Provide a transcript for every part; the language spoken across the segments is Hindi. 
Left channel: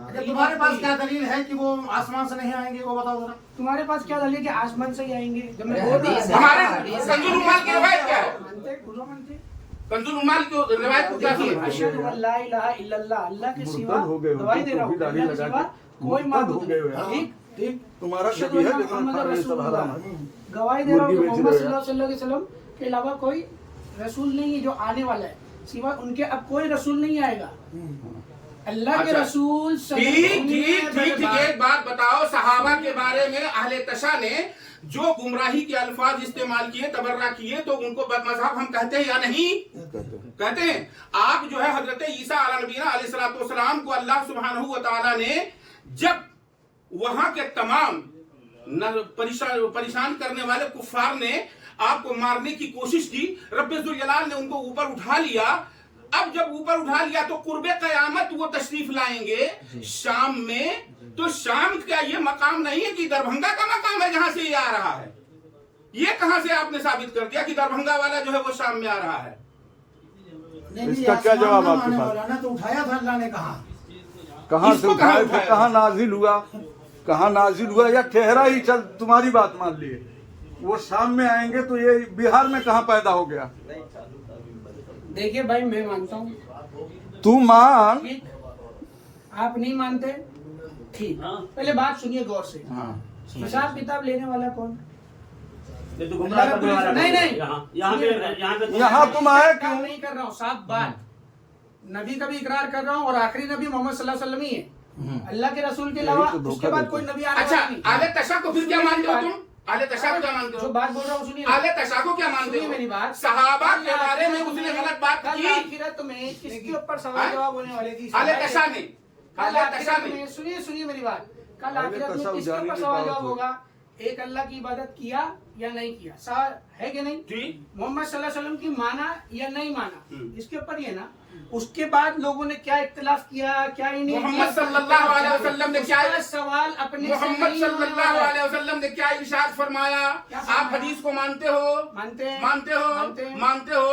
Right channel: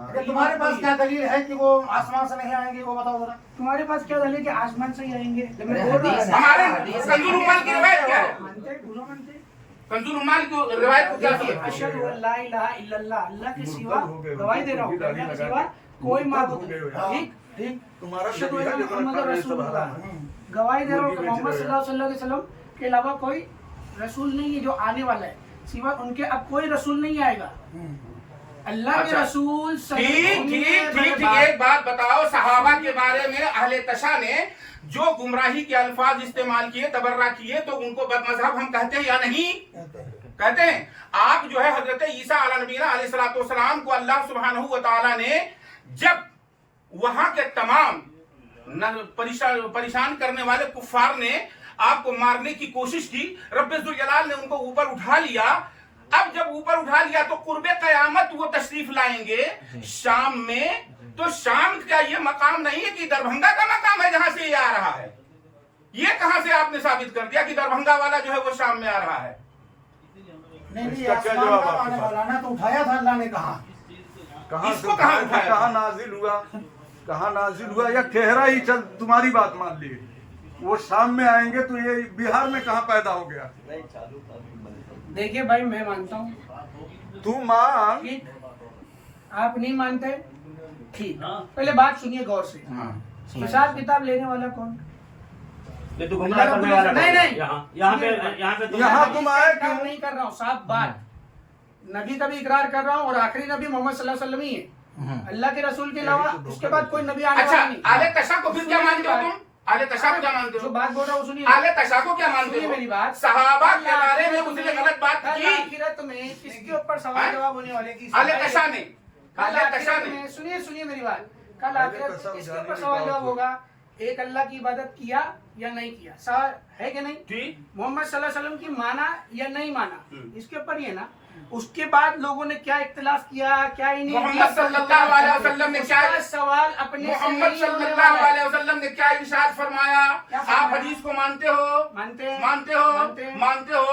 तुम्हारे पास क्या दलील है कि वो आसमान से नहीं आएंगे, वो बताओ जरा। तुम्हारे पास क्या दलील कि आसमान से ही आएंगे? हमारे कंजुल उम्माल की रिवायत क्या है? मानते कंजुल उम्माल की रिवायत को क्या समझते हो? अशहदु अल्ला इलाहा इल्लल्लाह, अल्लाह के सिवा गवाही दे रहा हूँ, अल्लाह के सिवा कोई माबूद नहीं। ठीक, तुम्हारा अशहदु अन्ना मुहम्मद रसूलुल्लाह, गवाही दे रहा हूँ कि मोहम्मद सल्लल्लाहु अलैहि वसल्लम के अलावा कोई रसूल नहीं है जो आने वाला है, सिवा उनके अब कोई रसूल नहीं आएगा। अल्लाह के रसूल ठीक। एक बात बताओ, सहाबा के बारे में अहले तशा ने जो गुमराही के अल्फाज इस्तेमाल किए, तबर्रा किए, तो उनको बदमज़हब हम कहते हैं या नहीं? कहते हैं। आप जो है हजरत ईसा अलैहिस्सलाम को अल्लाह सुब्हानहू व तआला ने जब वहां के तमाम परेशान करने वाले कुफ्फार ने आपको मारने की कोशिश की, रब्बे जुल जलाल ने उनको ऊपर उठा लिया। अब जब ऊपर उठा लिया तो कुर्बे कयामत वो तशरीफ लाएंगे शाम में, तो शाम क्या ये मकाम नहीं है कि दरभंगा का मकाम है जहां से ये आ रहा है? ये कहां से आपने साबित कर दिया कि दरभंगा वाला जो है वो शाम में आ रहा है? नहीं, आसमान का आने वाला ना, तो उठाया था अल्लाह ने। कहाँ से उठाया, कहाँ नाजिल हुआ, कहाँ नाजिल हुआ, या ठहरा ही चल, तुम्हारी बात मान लिए वो शाम में आएंगे, तो ये बिहार में कहाँ पैदा हो गया? देखिए भाई, मैं मानता हूँ, तू मान, ठीक, आप नहीं मानते, ठीक। पहले बात सुनिए गौर से। हिसाब किताब लेने वाला कौन? नहीं, यहाँ तुम आए क्यों? नहीं कर रहा हूँ, साफ बात। नबी का भी इकरार कर रहा हूँ, और आखिरी नबी मोहम्मद सल्लल्लाहु अलैहि वसल्लम ही है। अल्लाह के रसूल के अलावा उसके बाद कोई नबी आने वाला नहीं। अच्छा, आले तशा को फिर क्या मानते हो तुम? आले तशा को क्या मानते हो? जो बात बोल रहा हूँ सुनिए। आले तशा को क्या मानते हो? मेरी बात, सहाबा के बारे में उसने गलत बात की। आखिरत में किसके ऊपर सवाल जवाब होने वाले की? आले तशा ने, आले तशा ने, सुनिए मेरी बात, कल आखिरत में किसके ऊपर सवाल जवाब होगा? एक अल्लाह की इबादत किया या नहीं किया, सवाल है कि नहीं? ठीक। मोहम्मद सल्लल्लाहु अलैहि वसल्लम की माना या नहीं माना, इसके ऊपर ही है ना। उसके बाद लोगों ने क्या इख्तिलाफ किया, क्या ही नहीं। मोहम्मद सल्लल्लाहु अलैहि वसल्लम ने क्या सवाल अपने मोहम्मद सल्लल्लाहु अलैहि वसल्लम ने क्या इरशाद फरमाया? आप हदीस को मानते हो? मानते हैं। मानते हो?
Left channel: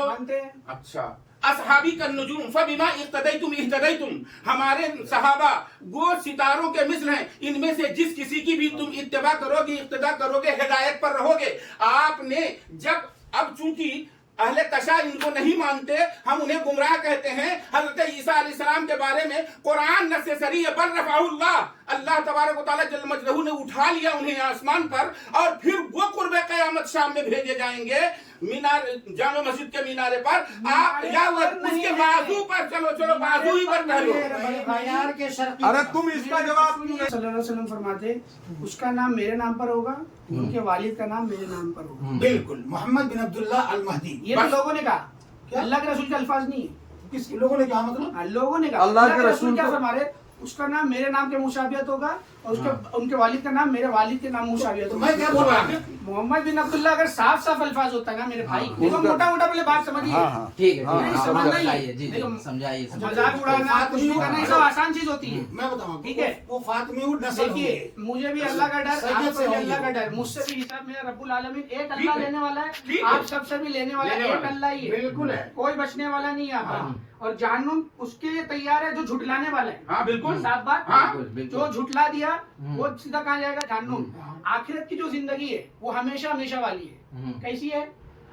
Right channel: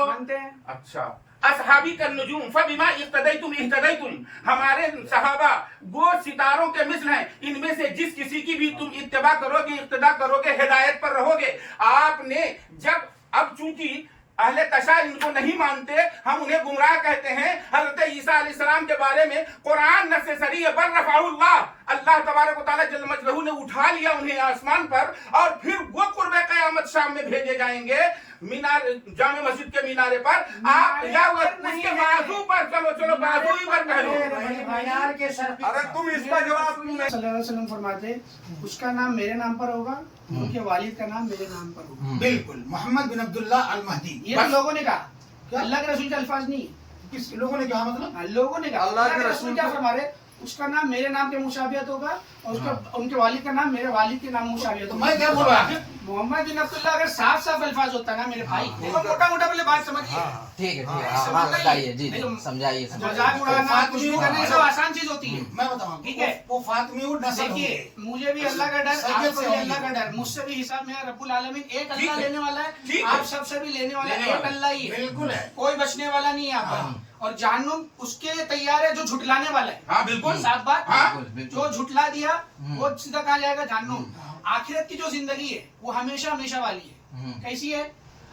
अच्छा। असहाबी का नुजूम फबिमा इख्तदैतुम इह्तदैतुम, हमारे सहाबा वो सितारों के मिसल हैं, इनमें से जिस किसी की भी तुम इत्तबा करोगे, इख्तिदा करोगे, हिदायत पर रहोगे। आपने जब, अब चूंकि अहले तशा इनको नहीं मानते, हम उन्हें गुमराह कहते हैं। हजरत ईसा अलैहिस्सलाम के बारे में कुरान न से सरी बल रफ़अहुल्लाह, अल्लाह तबारक व तआला जल्ल मजलहू ने उठा लिया उन्हें आसमान पर, और फिर वो कुर्बे क़यामत शाम में भेजे जाएंगे मीनार, जामे मस्जिद के मीनारे पर। आप या उसके बाजू पर, चलो बाजू ही पर कह लो। अरे तुम इसका जवाब क्यों नहीं? सल्लल्लाहु अलैहि वसल्लम फरमाते, उसका नाम मेरे नाम पर होगा, उनके वालिद का नाम मेरे नाम पर होगा। बिल्कुल, मोहम्मद बिन अब्दुल्ला अल महदी। ये तो लोगों ने कहा, अल्लाह के रसूल के अल्फाज नहीं। किस लोगों ने कहा? मतलब लोगों ने कहा अल्लाह के रसूल क्या फरमा रहे, उसका नाम मेरे नाम के मुशाबियत होगा, और उसके उनके वालिद का नाम मेरे वालिद के नाम मुशाबियत होगा। मैं क्या बोल रहा हूँ? मोहम्मद बिन अब्दुल्ला अगर साफ साफ अल्फाज होता है ना मेरे भाई, देखो मोटा मोटा पहले बात समझिए। ठीक है, समझाइए जी, समझाइए। मजाक उड़ाना, कुछ भी करना, ये सब आसान चीज होती है। मैं बताऊँ, ठीक है, वो फातिमी नस्ल देखिए, मुझे भी अल्लाह का डर, आपको भी अल्लाह का डर, मुझसे भी हिसाब मेरा रब्बुल आलमीन एक अल्लाह लेने वाला है, आप सबसे भी लेने वाला है, एक अल्लाह ही है। बिल्कुल है, कोई बचने वाला नहीं है यहाँ पर। और जहन्नुम उसके तैयार है जो झुटलाने वाला है। हाँ बिल्कुल, साफ बात। बिल्कुल। जो झुटला दिया वो सीधा कहाँ जाएगा? जहन्नुम। आखिरत की जो जिंदगी है वो हमेशा हमेशा वाली है। कैसी है?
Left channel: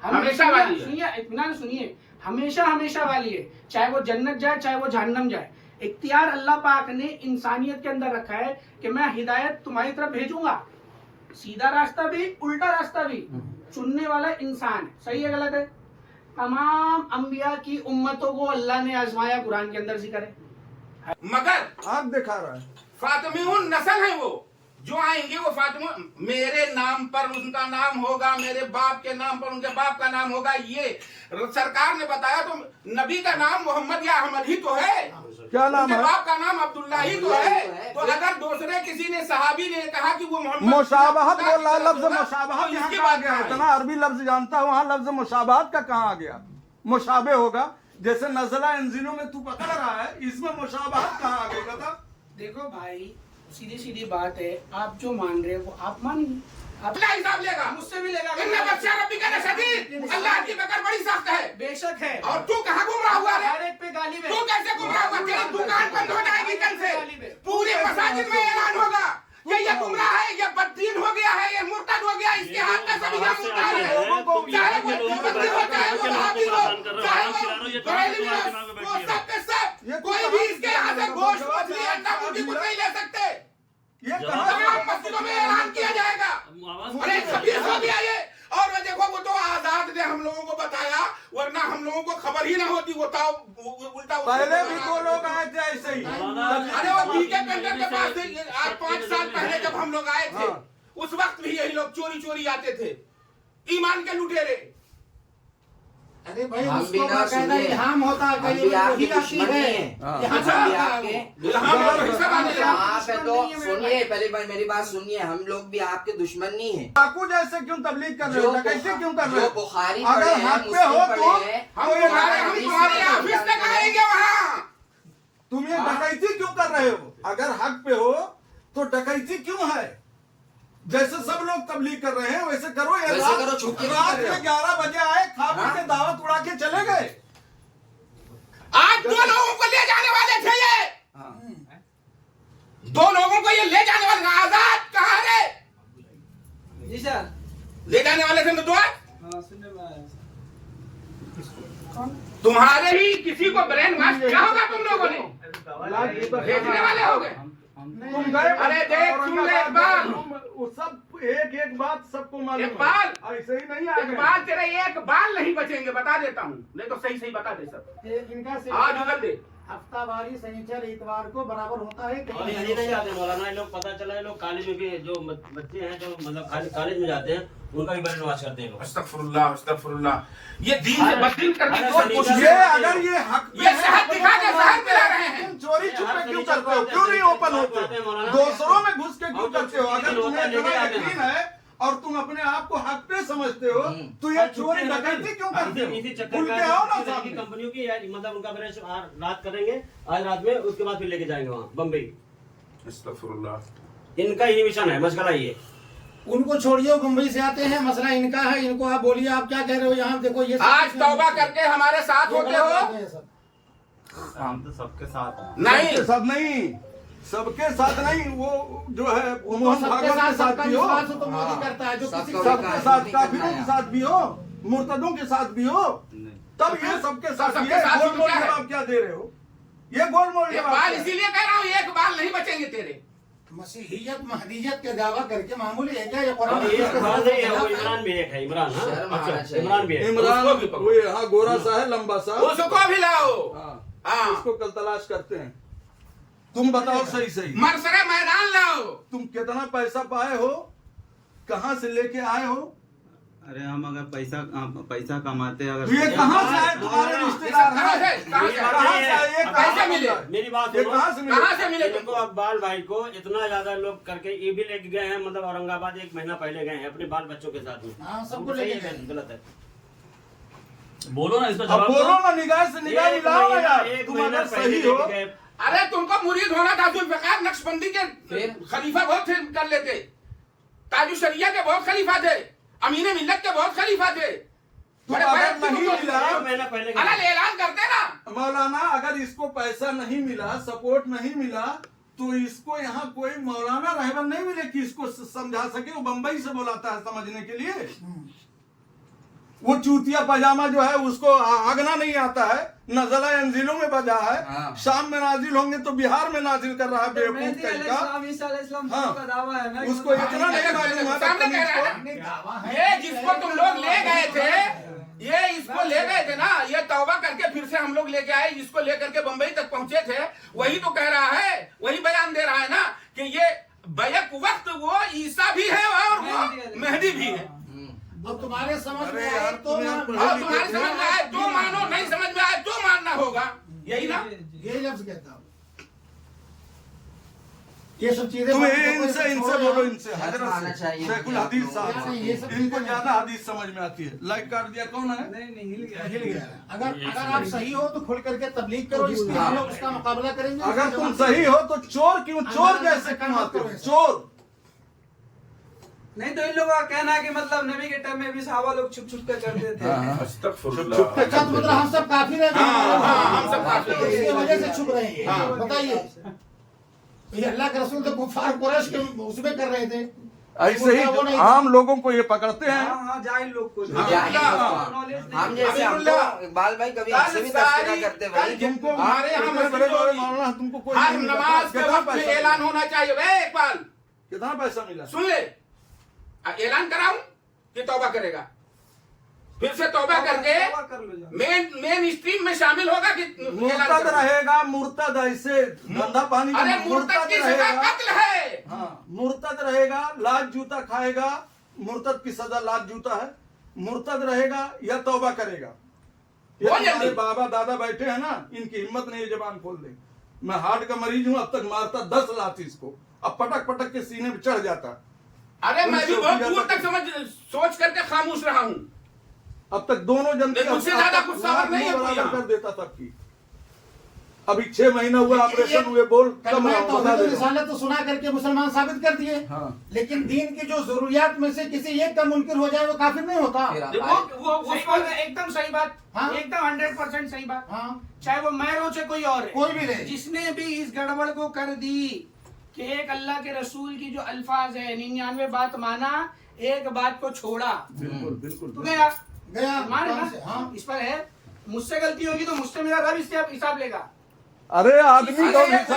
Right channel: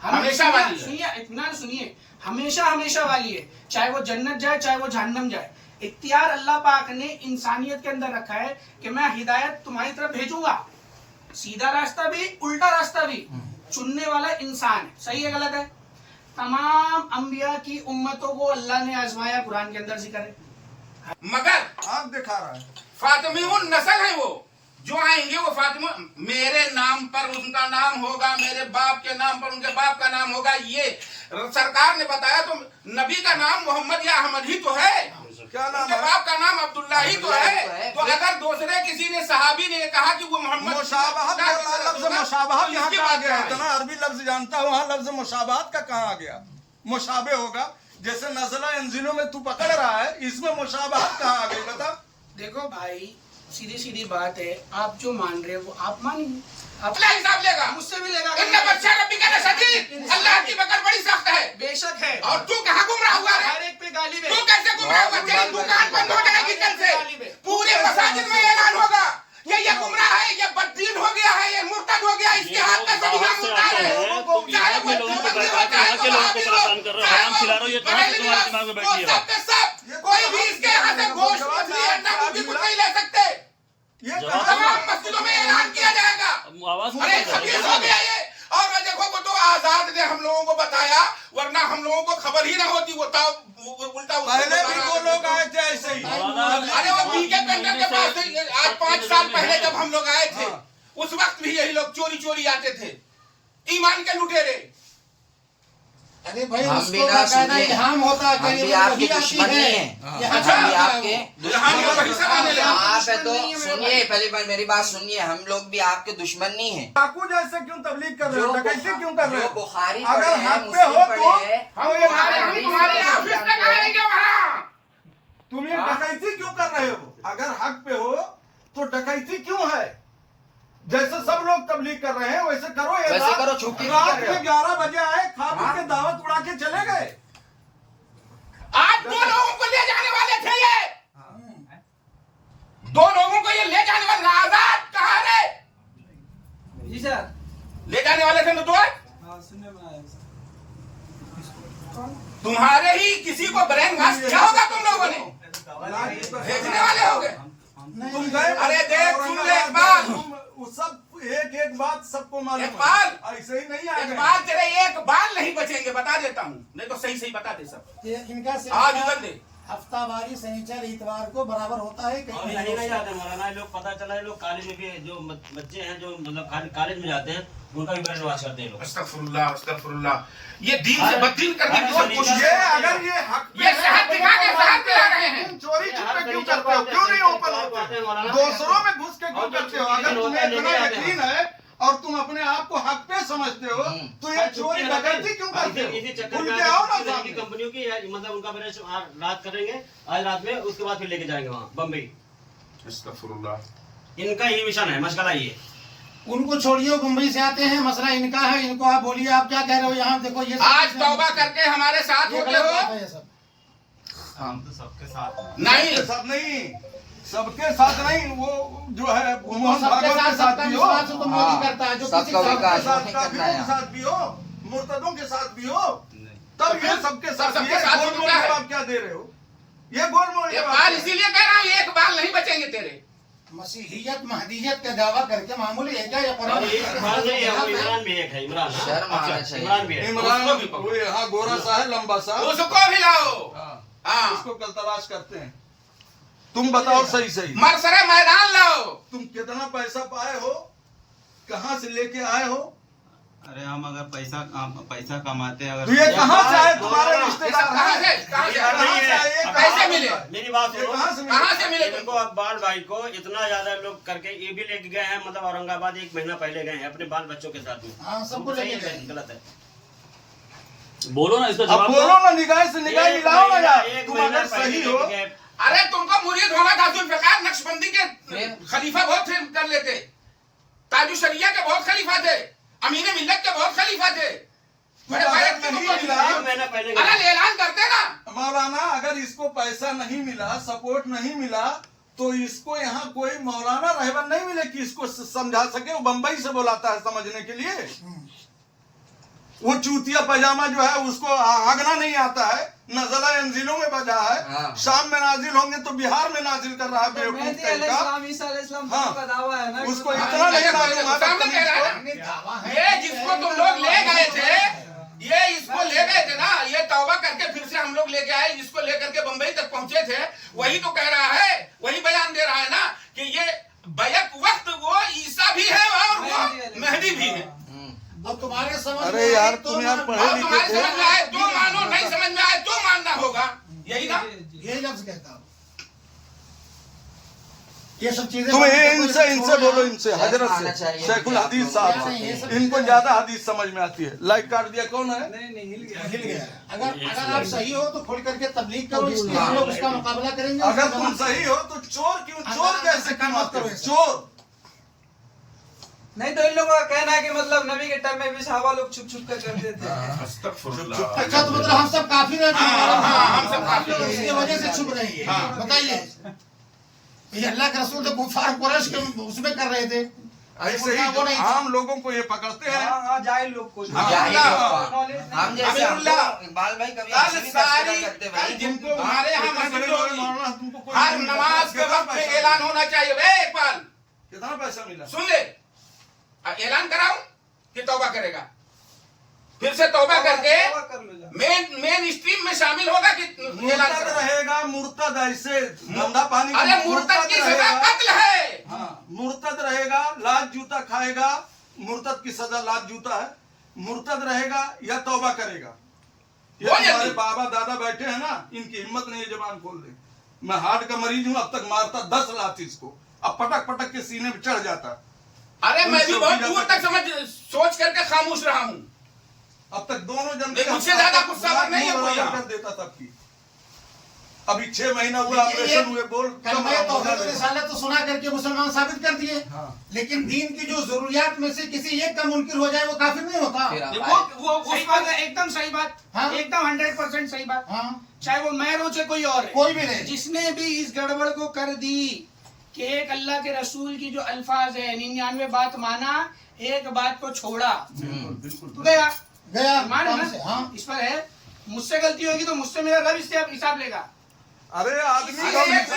हमेशा वाली है। सुनिए, इत्मीनान सुनिए, हमेशा हमेशा वाली है। चाहे वो जन्नत जाए, चाहे वो जहन्नम जाए, इख्तियार अल्लाह पाक ने इंसानियत के अंदर रखा है कि मैं हिदायत तुम्हारी तरफ भेजूंगा। सीधा रास्ता भी, उल्टा रास्ता भी, चुनने वाला इंसान है। सही है गलत है? तमाम अंबिया की उम्मतों को अल्लाह ने आजमाया, कुरान के अंदर जिक्र है। मगर आग दिखा रहा है, फातिमीउन नस्ल है वो जो आएंगे, वो फातिमा मेरे नाम पर उनका नाम होगा, मेरे बाप के नाम पर उनके बाप का नाम होगा। ये सरकार ने बताया, तो नबी का नाम मोहम्मद या अहमद ही तो है, क्या नाम उनके है? बाप का नाम अब्दुल्ला ही तो है। तो अगर दूसरे किसी ने सहाबी ने कहा कि वो मोहम्मद, मुशाबहत बोला, लफ्ज मुशाबहत यहाँ कहाँ आ गया? इतना अरबी लफ्ज जानता हूँ, वहाँ लफ्ज मुशाबहत का कहाँ आ गया? मुशाबे होगा, जैसे नज़ला इंजिलों में तू पकड़ रहा है, इसमें मुशाबहत कहाँ आ गई? बता। देखो भाई, सीधी सीधी बात है, आप जो मान रहे हो वो आप मानिए, अपना हिसाब लेगा, मुझसे भी लेगा। इन्ना बच्चा रब्बी का शदीद, अल्लाह की पकड़ बड़ी सख्त है। बेशक है। और तू कहाँ गुमराह हुआ है? हर एक पे गालिब है। तू कैसे गुमराह हुआ? तेरी दुकान बंद हो जाएगी कल से, पूरे ये मुद्दा है। चाहे मुख्यमंत्री हो, चाहे महावीर हो, चाहे वो सबके सब, कोई भी इसके यहाँ से गोश्त मछली अंडा मुर्गी कुछ नहीं ले सकते। ये कहाँ तमाम मस्जिदों में ऐलान किया जाएगा। अरे 26 हो गया ये। और मैं देखो वो तो आजाद ने हम लोगों को बताया, वरना हम लोगों को खबर ही ना होती। वो उल्टा पहले भी 2 लोग आए थे ऐसे ही। अरे वो बीके पेंटर के पास थे आज 5 साल पहले जब हम लोग आए थे, उस वक्त भी यही लोग चोरी चोरी आते थे, ईमान के लुटेरे। अरे भाई हम उसको भी ना बाकायदा सुनिए, इल्हाम होता है हम कि भी ये आपके वही आती दुश्मन है। नहीं हैं। यहाँ हम भी पे आपके हम लोग वही सब आने लगे। आप है तो सुनिए, पहली बार मेरी बात सुनिए, हम लोग भी आपके दुश्मन नहीं हैं। डाकू जैसे क्यों तबलीग कर रहे हो, कैसे क्यों कर रहे जो हो? बुखारी अगर पढ़े हैं, हक पे मुस्लिम हो पढ़े तो हैं, हम तुम्हारे ऑफिस तक आएंगे वहाँ। तुम ये डकैती क्यों कर रहे हो? अगर हक पे हो तो डकैती क्यों है? जैसे सब लोग तबलीग कर रहे हैं वैसे करो। ये वैसे करो, छुप के नहीं रात कर रहे हो। में 11 बजे आए, खा पी के दावत उड़ा के चले गए। आज 2 लोगों को ले जाने वाले थे ये, 2 लोगों को ये ले जाने वाले। आजाद कहाँ रे? जी सर। ले जाने वाले थे नुदवा। हाँ, सुनने में आया सर। तुम्हारे ही किसी को ब्रेन वॉश किया होगा तुम लोगों ने, भेजने वाले हो गए। तुम गए। अरे देख, सुन ले इकबाल। वो सब एक बात सबको मालूम है। इकबाल, ऐसे ही नहीं आएगा। इकबाल तेरे एक बाल नहीं बचेंगे, बता देता हूँ। नहीं तो सही सही बता दे सब। इनका आज उगल दे। हफ्तावारी शनिचर इतवार को बराबर होता है। और यही नहीं जाते मौलाना, ये लोग पता चला ये लोग कॉलेज में भी जो बच्चे हैं जो मतलब कॉलेज में जाते हैं उनका भी ब्रेन वॉश करते हैं लोग। अस्तगफुरुल्लाह, अस्तगफुरुल्लाह। ये दीन से बददीन करने की बहुत कोशिश ये है। अगर ये हक पे ये है, शहद दिखा के शहद पिला रहे हैं। तुम चोरी छुपे क्यों करते हो? क्यों नहीं ओपन होते? दूसरों में घुस के क्यों करते हो? अगर तुम्हें इतना यकीन है और तुम अपने आप को हक पे समझते हो तो ये चोरी डकैती क्यों करते हो? इसी चक्कर खुल में के आओ ना की सामने। कंपनियों की मतलब उनका ब्रेन रात करेंगे आज रात में, उसके बाद फिर लेके जाएंगे वहाँ बम्बई। अस्तगफुरुल्लाह। इनका ये मिशन है, मशगला ये। उनको छोड़िए, वो मुंबई से आते हैं, मसला इनका है। इनको आप बोलिए आप क्या कह रहे हो। यहाँ देखो ये आज तौबा करके हमारे साथ होते हो। हम तो सबके साथ नहीं, सबके साथ नहीं, सबके साथ नहीं। वो जो है मोहन भागवत के साथ भी हो, तो मोदी करता है जो किसी सबका के सबके विकास साथ, नहीं काफिरों करना के है। साथ भी हो, मुर्तदों के साथ भी हो, तब ये सबके साथ सबके ये साथ गोलमोल क्या है? जवाब क्या दे रहे हो? ये गोलमोल ये जवाब बाल क्या है? इसीलिए कह रहा हूँ, एक बाल नहीं बचेंगे तेरे। मसीहियत महदियत का दावा करके मामूली है क्या ये और ये इमरान नहीं है, वो इमरान भी एक है, इमरान। हाँ? शर्म आना चाहिए। इमरान भी है। इमरान वो यहाँ गोरा सा है, लंबा सा। उसको भी लाओ। हाँ, हाँ, उसको कल तलाश करते हैं। तुम बताओ सही सही, मरसरे मैदान लाओ। तुम कितना पैसा पाए हो, कहाँ से लेके आए हो? अरे हम अगर पैसा कमाते अगर ये कहाँ से आए? तुम्हारे रिश्तेदार कहाँ हैं? से? कहाँ से? कहाँ से आए? ये अब कहाँ कैसे मिले? मेरी बात ये सुनो, कहाँ से मिले? कहाँ से मिले इनको तुमको? अब बाल भाई को इतना ज्यादा लोग करके ये भी लेके गए हैं, मतलब औरंगाबाद 1 महीना पहले गए हैं अपने बाल बच्चों के साथ में। हाँ, सबको सही लेके है, गए। गलत है? बोलो ना इसका अब जवाब। बोलो ना, निगाह से निगाह एक मिलाओ ना महीना- यार। एक तुम महीना अगर पहले सही हो, लेके गए। अरे तुमको मुरीद होना था। जुल्फिकार नक्शबंदी के फिर? खलीफा बहुत थे, कर लेते। ताजु शरिया के बहुत खलीफा थे, अमीन मिल्लत के बहुत खलीफा थे। बड़े अगर बैठ के नहीं तुमको मिला, 1 महीना पहले गए। अलग ऐलान करते ना। मौलाना अगर इसको पैसा नहीं मिला, सपोर्ट नहीं मिला, तो इसको यहाँ कोई मौलाना रहबन नहीं मिले कि इसको समझा सके। वो बंबई से बुलाता है समझने के लिए। वो चूतिया पजामा जो है उसको आगना नहीं आता है। नज़ला अंजिलों में बजा है, हाँ। शाम में नाजिल होंगे तो बिहार में नाजिल कर रहा है बेवकूफ कहीं का। हाँ, उसको इतना नहीं मालूम है सामने बदतमीज कह रहा को। है। दावा है ये जिसको तुम लोग ले गए थे, ये इसको ले गए थे ना, ये तौबा करके फिर से हम लोग लेके आए, इसको लेकर के बंबई तक पहुंचे थे। वही तो कह रहा है, वही बयान दे रहा है ना कि ये बैक वक्त वो ईसा भी है और वो मेहदी भी है। अब तुम्हारे समझ अरे में यार, आए तो तुम यार मान- पढ़े अब लिखे तुम्हारे थे। समझ में आए तो मानो, नहीं समझ में आए तो मानना होगा। यही ना? यही लफ्ज कहता हूँ। ये सब चीजें तुम बातें इनसे कोई इनसे छोड़ो बोलो, यार। इनसे शर्म हजरत आना से, चाहिए। शेखुल हदीस साहब नहीं, ये सब से। इनको चीजें- ज्यादा हदीस समझ में आती है। लाइक काट दिया कौन है? हिल गया। अगर आप सही हो तो खुल करके तबलीग करो, इसलिए हम लोग उसका मुकाबला करेंगे। अगर तुम सही हो तो चोर क्यों? चोर कैसे कमाते हो? चोर नहीं तो इन लोगों का कहना है कि मतलब नबी के टाइम में भी सहाबा लोग छुप छुप कर करते थे। अच्छा, तो मतलब हम सब काफिर हैं। हम सब काफिर हैं। इसकी वजह से छुप रहे हैं। बताइए, ये अल्लाह के रसूल तो कुफार कुरैश के उसमें कर रहे थे। ऐसे ही वो नहीं- आम लोगों को ये पकड़ते हैं। हाँ हाँ जाहिल लोग को हम जाहिल लोग को। नॉलेज नहीं। हम जैसे अमीरुल्लाह, हमको इकबाल भाई कभी हमसे कल भी सारी तस्करा करते कल भाई। जिनको हमारे यहाँ इतने मस्जिद बड़े-बड़े होगी, मौलाना तुमको कोई हर नहीं नमाज के कितना वक्त में पैसा ऐलान होना चाहिए। वे इकबाल कितना पैसा मिला? सुन ले, ऐलान कराऊं कि तौबा करेगा? फिर से तौबा करके तौबा कर लो जा। मेन स्ट्रीम में शामिल होगा कि ऐलान मुर्तद करेगा? रहेगा, मुर्तद ऐसे धंधा पानी का अरे मुर्तद की सजा रहेगा। कत्ल है। हाँ, मुर्तद रहेगा, लात जूता खाएगा। मुर्तद की सजा लात जूता है। मुर्तद रहेगा या तौबा करेगा। ये बोल तुम्हारे जल्दी। बाबा दादा बैठे हैं ना, इनकी हिम्मत नहीं है जबान खोल दे। मैं हार्ट का मरीज हूँ, अब तक मारता 10 लात इसको, अब पटक पटक के सीने में चढ़ जाता। अरे मैं भी पुलिस बहुत चौकी दूर जाता तक समझ सोच करके खामोश रहा हूँ। अब तक दोनों जनता नहीं, मुझसे ज्यादा गुस्सावर नहीं है कोई यहाँ। कर देता सबकी। अभी 6 महीना हुआ ऑपरेशन हुए, बोल कलमा तौहीद और रिसालत तो सुना करके मुसलमान साबित कर दिए। हाँ। लेकिन दीन की जो जरूरियात में से किसी एक का मुनकिर हो जाए वो काफी नहीं होता। फिर वो उस पर एकदम सही बात, हाँ। एकदम 100% सही बात। हाँ, चाहे वो मैं हूं चाहे कोई और है, कोई भी रहे। जिसने भी इस गड़बड़ को कर दी कि एक अल्लाह के रसूल की जो अल्फाज है 99 बात माना, एक बात को छोड़ा, बिल्कुल बिल्कुल। तो गया गया मान है कौन से? ना। हाँ, इस पर है, मुझसे गलती होगी तो मुझसे मेरा रब इससे हिसाब लेगा। अरे आदमी को हिसाब देता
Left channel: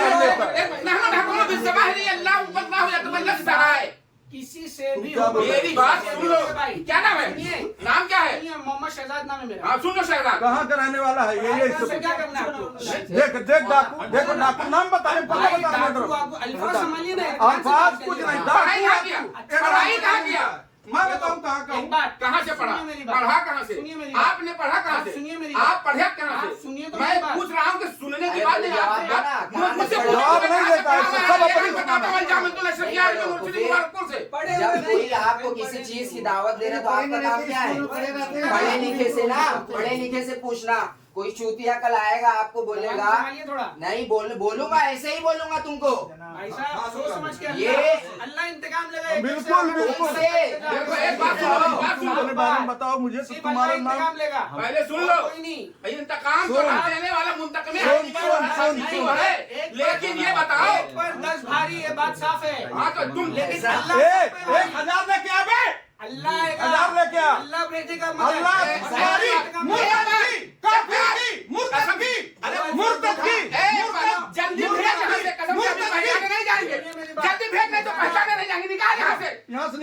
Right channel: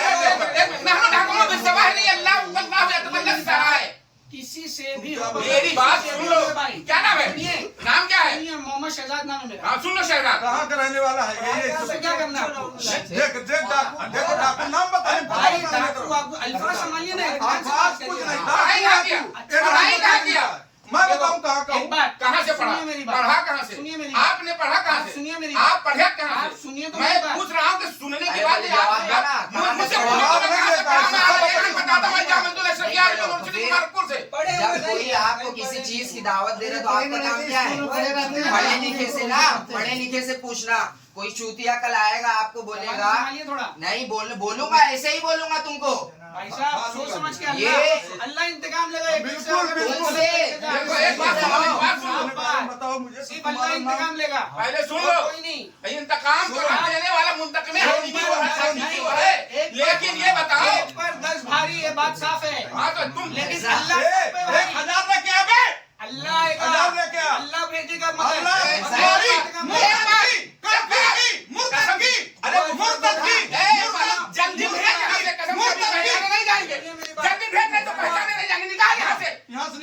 है। किसी से भी क्या हो- मेरी बात सुन लो। भाई क्या नाम है? सुनिए, नाम क्या है? सुनिए, मोहम्मद शहजाद नाम है मेरा। हाँ सुन लो शहजाद। कहाँ का रहने वाला है ये इससे क्या करना है आपको? देख देख डाकू, देखो डाकू नाम बताए। भाई डाकू आपको अल्फाज संभालिए ना, ध्यान से बात अल्फाज कुछ करिए। नहीं, पढ़ाई कहाँ किया? पढ़ाई कहाँ किया? मैं बताऊं कहाँ का एक हूँ? बात कहाँ से पढ़ा? सुनिए मेरी बात। पढ़ा कहाँ से? सुनिए मेरी बात। आपने पढ़ा कहाँ आप से? सुनिए मेरी आप बात। पढ़े कहाँ आप से? सुनिए तो मैं मेरी बात। पूछ रहा हूँ कि सुनने के अरे बाद भाई, आप जवाब दो ना, कहाँ मुझसे से पूछो पढ़ा? कि कहाँ से पढ़ा? मैं नहीं एक बताता हूँ जामिअतुल अशरिया यूनिवर्सिटी मुबारकपुर से। पढ़े हुए जब कोई नहीं। आपको किसी चीज की दावत दे रहा है तो आपका काम क्या है? पढ़े रहते हैं। पढ़े लिखे से ना, पढ़े लिखे से पूछना। कोई चूतिया कल आएगा आपको बोलेगा, जवाब संभालिए थोड़ा। नहीं बोलूंगा, ऐसे ही बोलूंगा तुमको। भाई साहब सोच समझ के ये- अल्लाह इंतकाम लेगा। एक बिल्कुल, से अगर बिल्कुल। एक से देखो, एक बात सुनो, एक बात सुनो। अपने बारे में बताओ मुझे। सिर्फ अल्लाह इंतकाम लेगा, पहले सुन लो। कोई नहीं। इंतकाम जो देने वाला मुंतकम है, हकीकी वो है, हकीकी वो है। लेकिन ये बताओ। एक पर 10 भारी, ये बात साफ है। हाँ तो तुम लेकिन ऐसा- अल्लाह सब पे भारी। 1000 लेके आ बे। अल्लाह आएगा, अल्लाह लेके आ। अल्लाह भेजेगा अल्लाह मदद। मुर्तदी, मुर्तदी, अरे मुर्तदी, जल्दी भेज यहाँ से, कसम से अभी पहचाने नहीं जाएंगे। जल्दी भेज नहीं तो पहचाने नहीं जाएंगे। निकाल यहाँ से। यहाँ से